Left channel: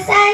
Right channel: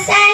Yes, I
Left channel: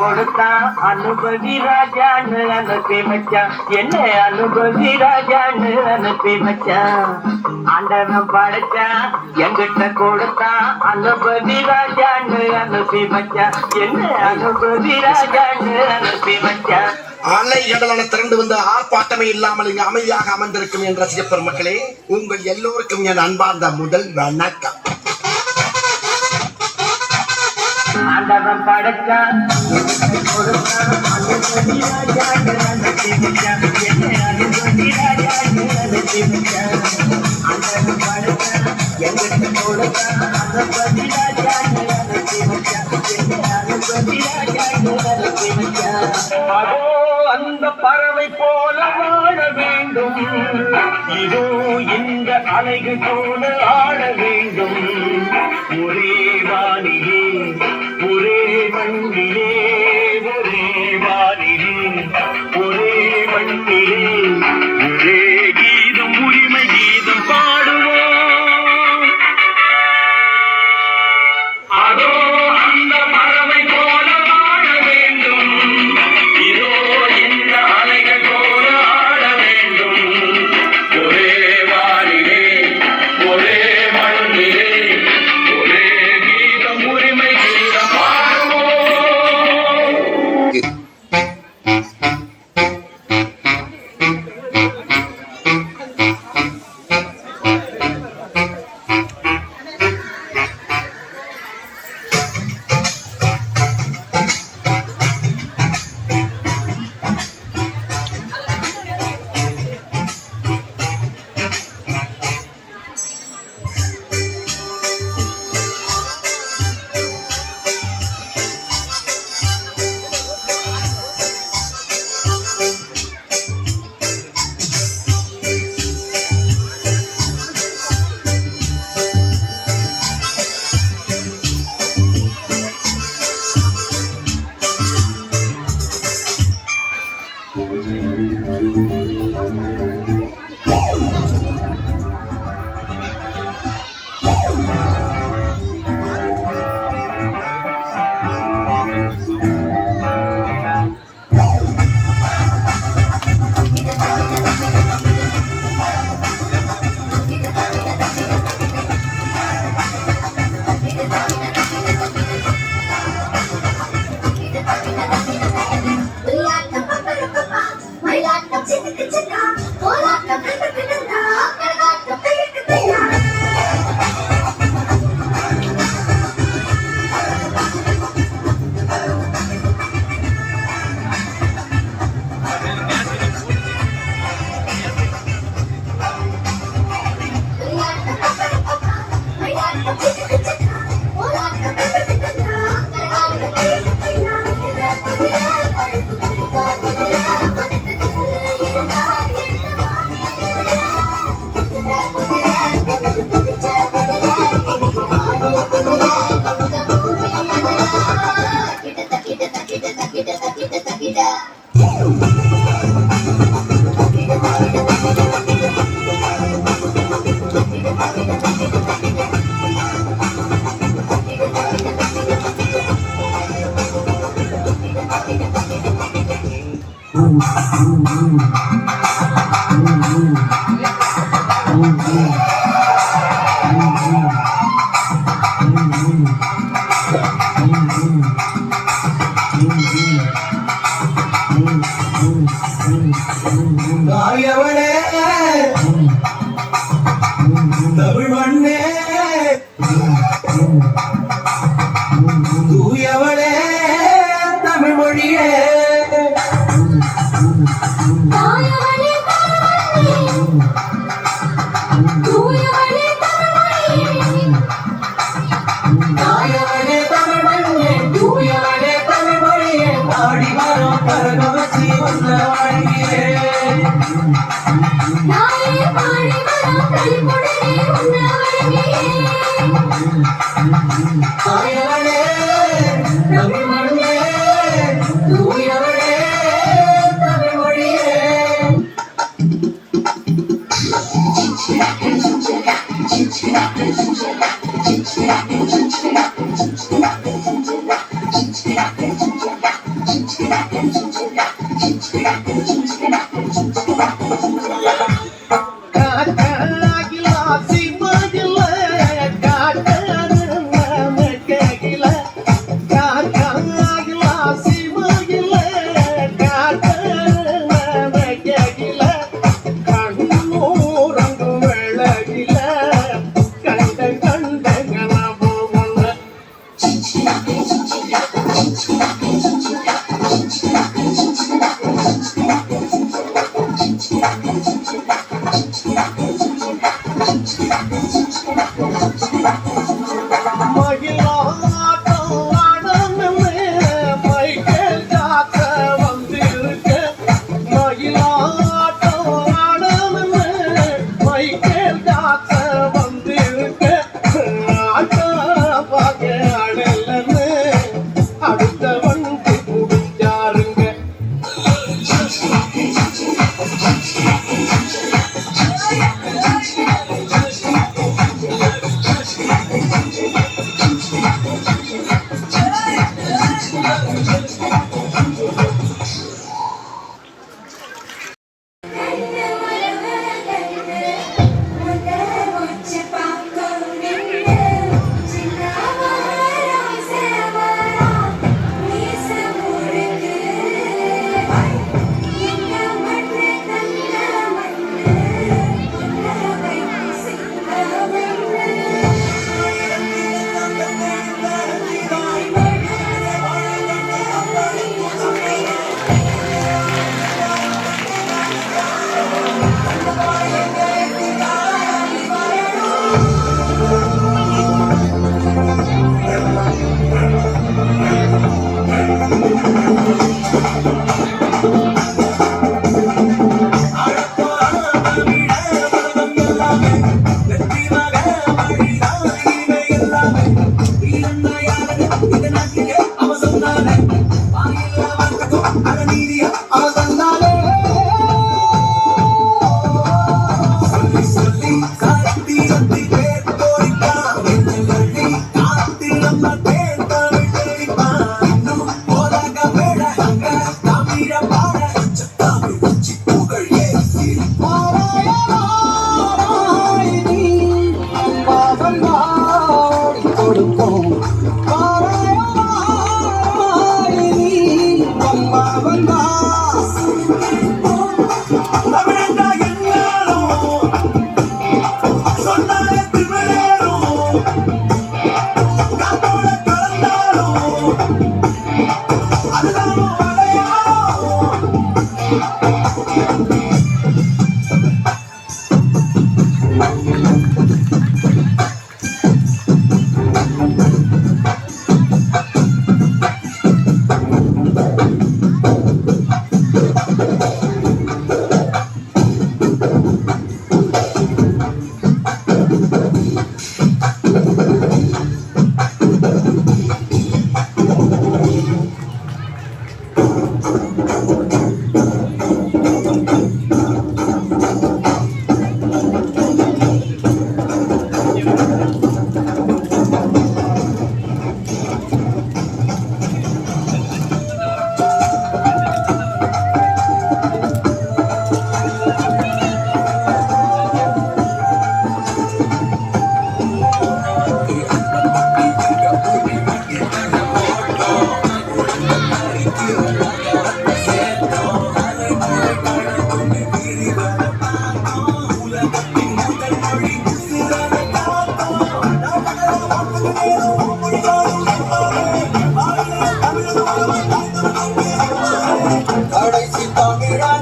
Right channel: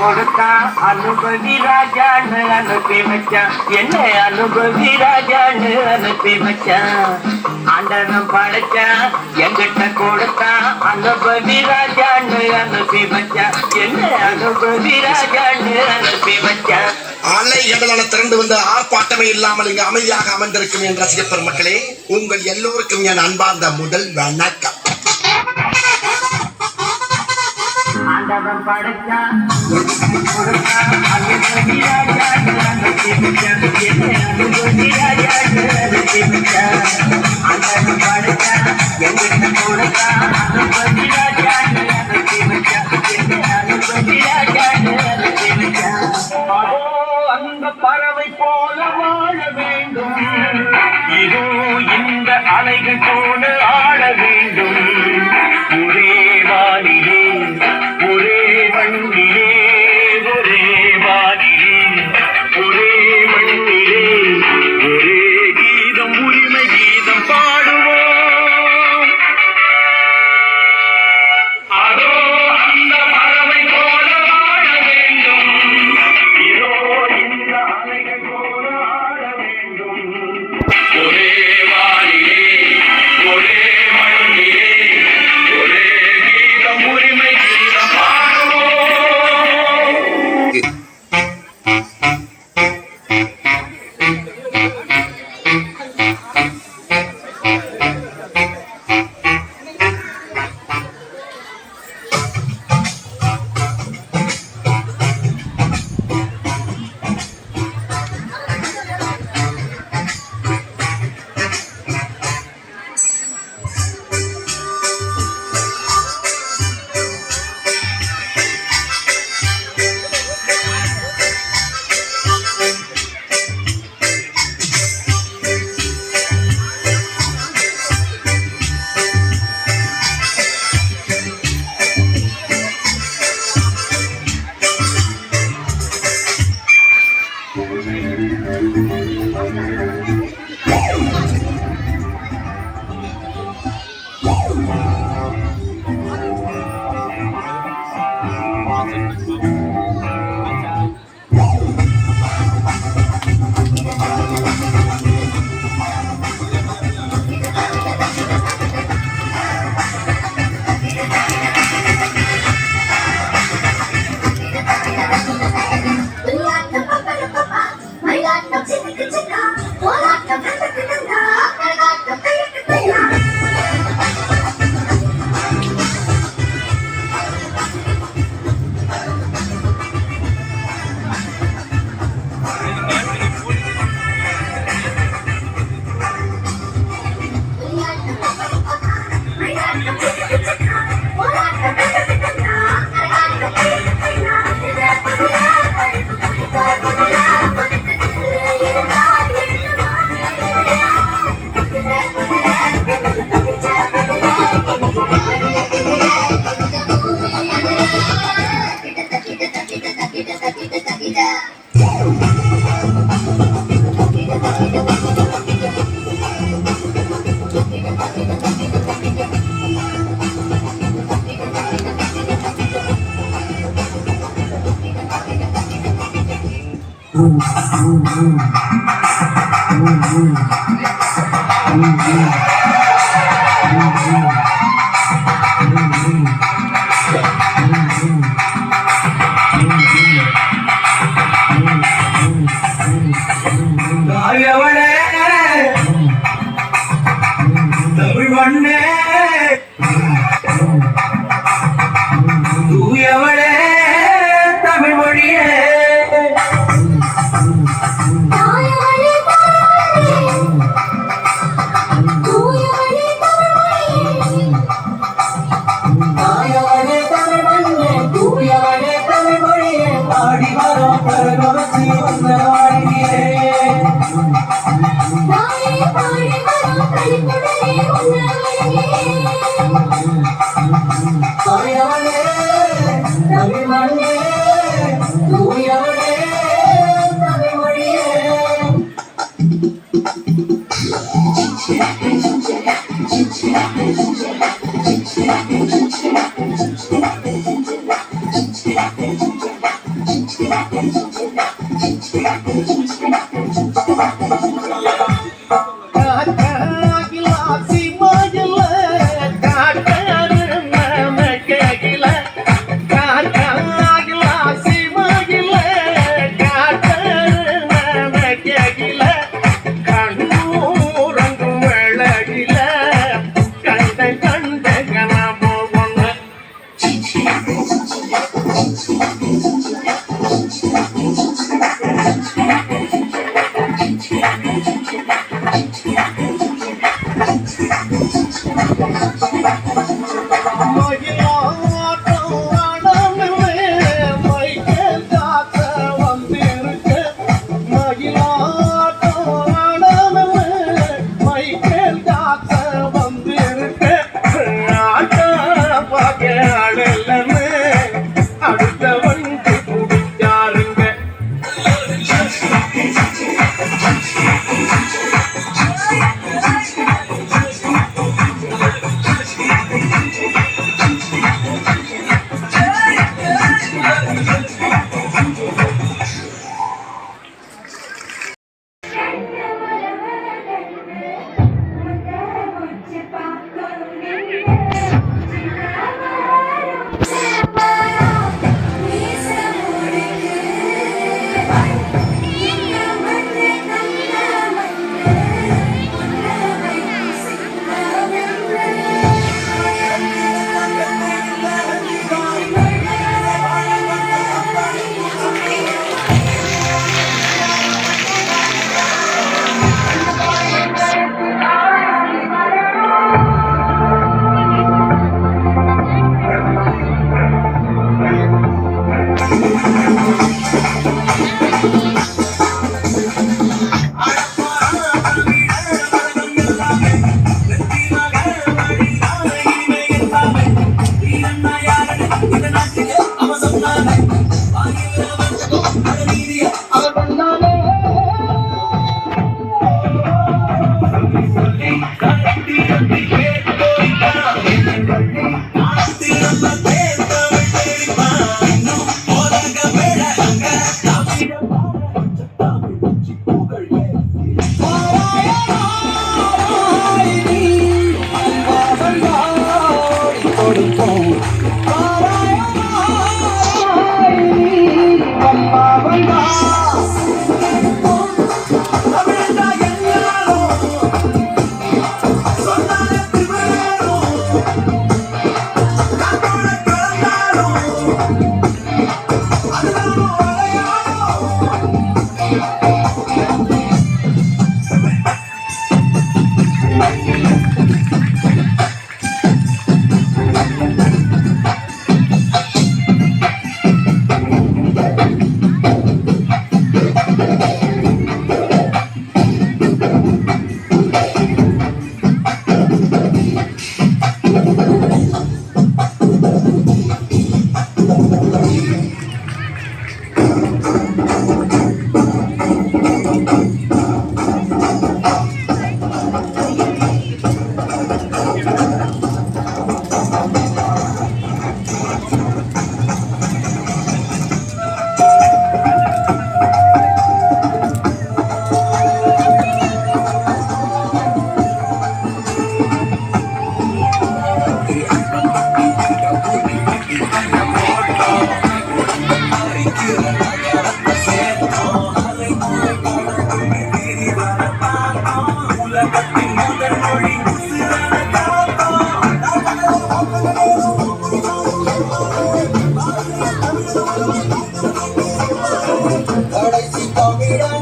கொடுத்தா அனுபவி ராஜான்னு அனுப்பி வச்சான் என்ன அனுபவி ராஜான்னு அனுப்பி வச்சான் ஆண்டவன் படைச்சான் எங்கிட்ட கொடுத்தா அனுபவி ராஜான்னு அனுப்பி வச்சான் என்ன அனுபவி ராஜான்னு அனுப்பி வச்சான் அலை எங்களால் திரண்டு வந்த ஆர்ப்பாட்டமே இல்லாமல் இங்கு அமைதியாக அமர்ந்திருக்கும் என் ரசிகப்பெரும் மக்களே உங்கள் எல்லோருக்கும் என் அன்பார்ந்த முதல் வணக்கம். நான் படைச்சா கொடுத்தான் அது சொல்லி ராஜா அந்த திமிச்சா அது சொல்லி ராஜா அது திமிச்சா அந்த படைச்சா எங்கிட்ட கொடுத்தான் அந்த சொல்லி ராஜா அது திமிச்சா அது சொல்லி ராஜா அது அலைகள் போல ஆட வேண்டும். Yeah. Thank you. Mike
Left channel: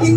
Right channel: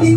你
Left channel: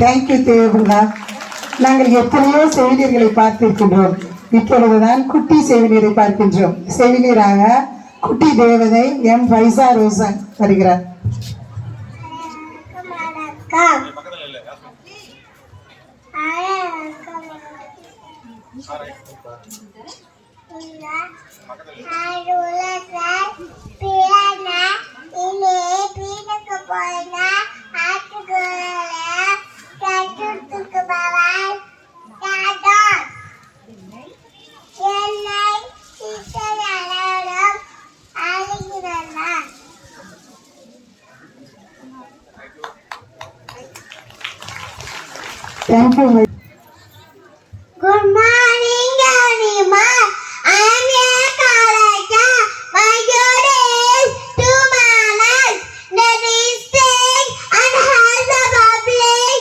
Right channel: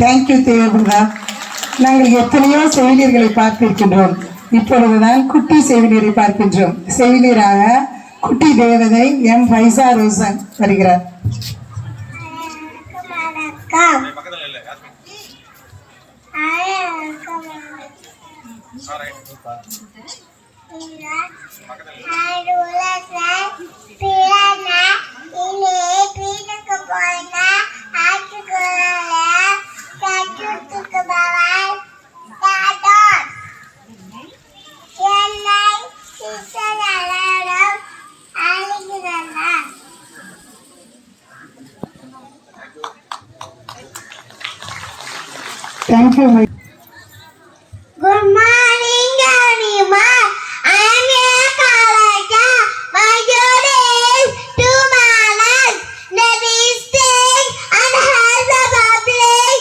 thank you தேவைப்படுதா நாங்கள் எத்தனையோ செவிலியர்களை பார்த்திருக்கின்றோம். இப்பொழுதுதான் குட்டி செவிலியரை பார்க்கின்றோம். செவிலியராக குட்டி தேவதை எம் ஃபைசா ரோசன் வருகிறார். வணக்கம் Thank you Good morning, everyone. I am a Kalaka. My duty is to manage the district and help the public.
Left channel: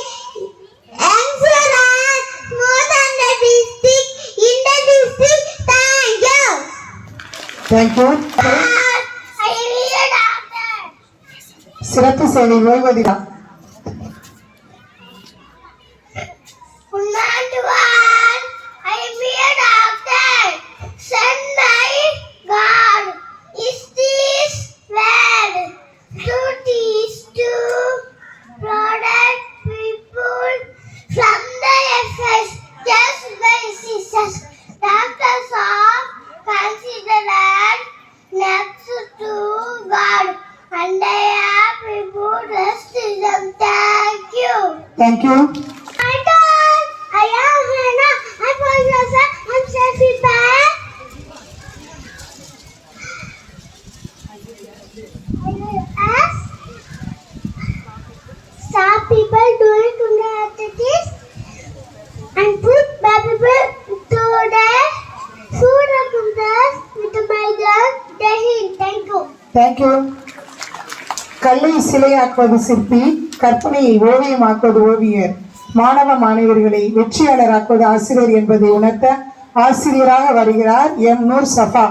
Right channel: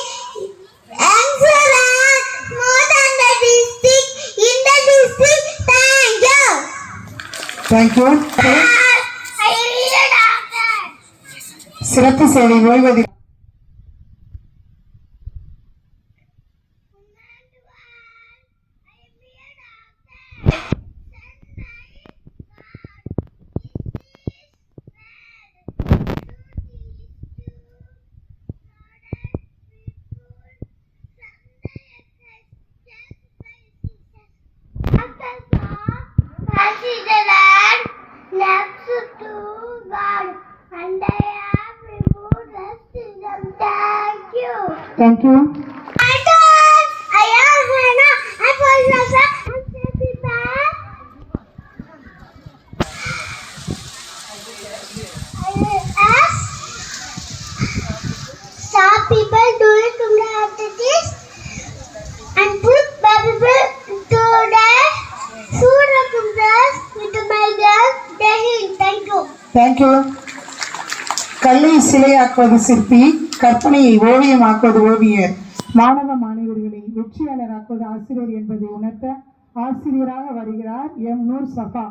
Excellent. More than the district, in the district. Thank you. Thank you I need a doctor. சிறப்பு சேவை ஓய்வதிலா Thank you. people doing criminal activities and put people to the food of with my girl Thank you. Thank you. ಕಲ್ಲಿ ಶಿಲೆ ಹಾಕೋದು கற்பனையை ஓவியமாக்குவது ஓவியர். மாணவ மாணவர்களை வெற்றியாளராக்குவது ஆசிரியர் என்பதை உணர்த்த ஆசிரியராக வருகிறார் எம். நூர் சஃபா.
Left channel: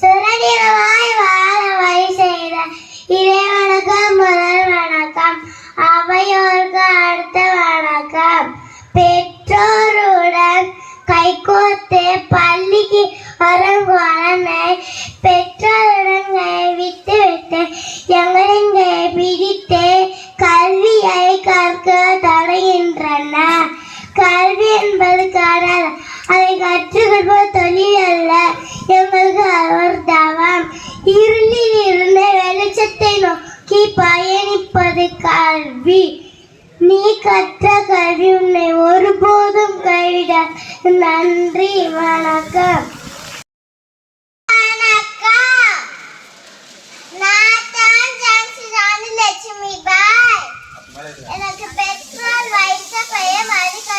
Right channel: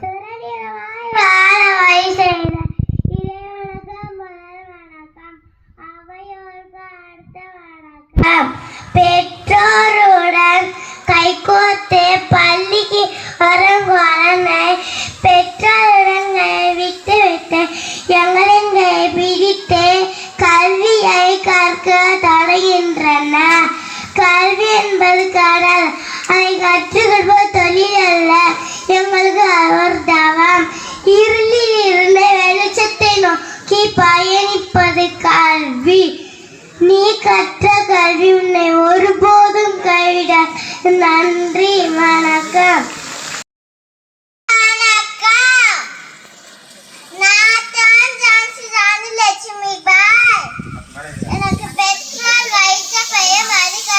சுரடிரமாய் வாழ வழி செய்த இறைவனுக்கு முதல் வணக்கம். அவையோருக்கு அடுத்த வணக்கம். பெற்றோருடன் கைகோத்து பள்ளிக்கு வரும் குழந்தை பயணிப்பது கல்வி. நீ கற்ற கல்வி உன்னை ஒருபோதும் கைவிட நன்றி வணக்கம். எனக்கு பெட்ரோல் வைத்த பெயர் மதிக்க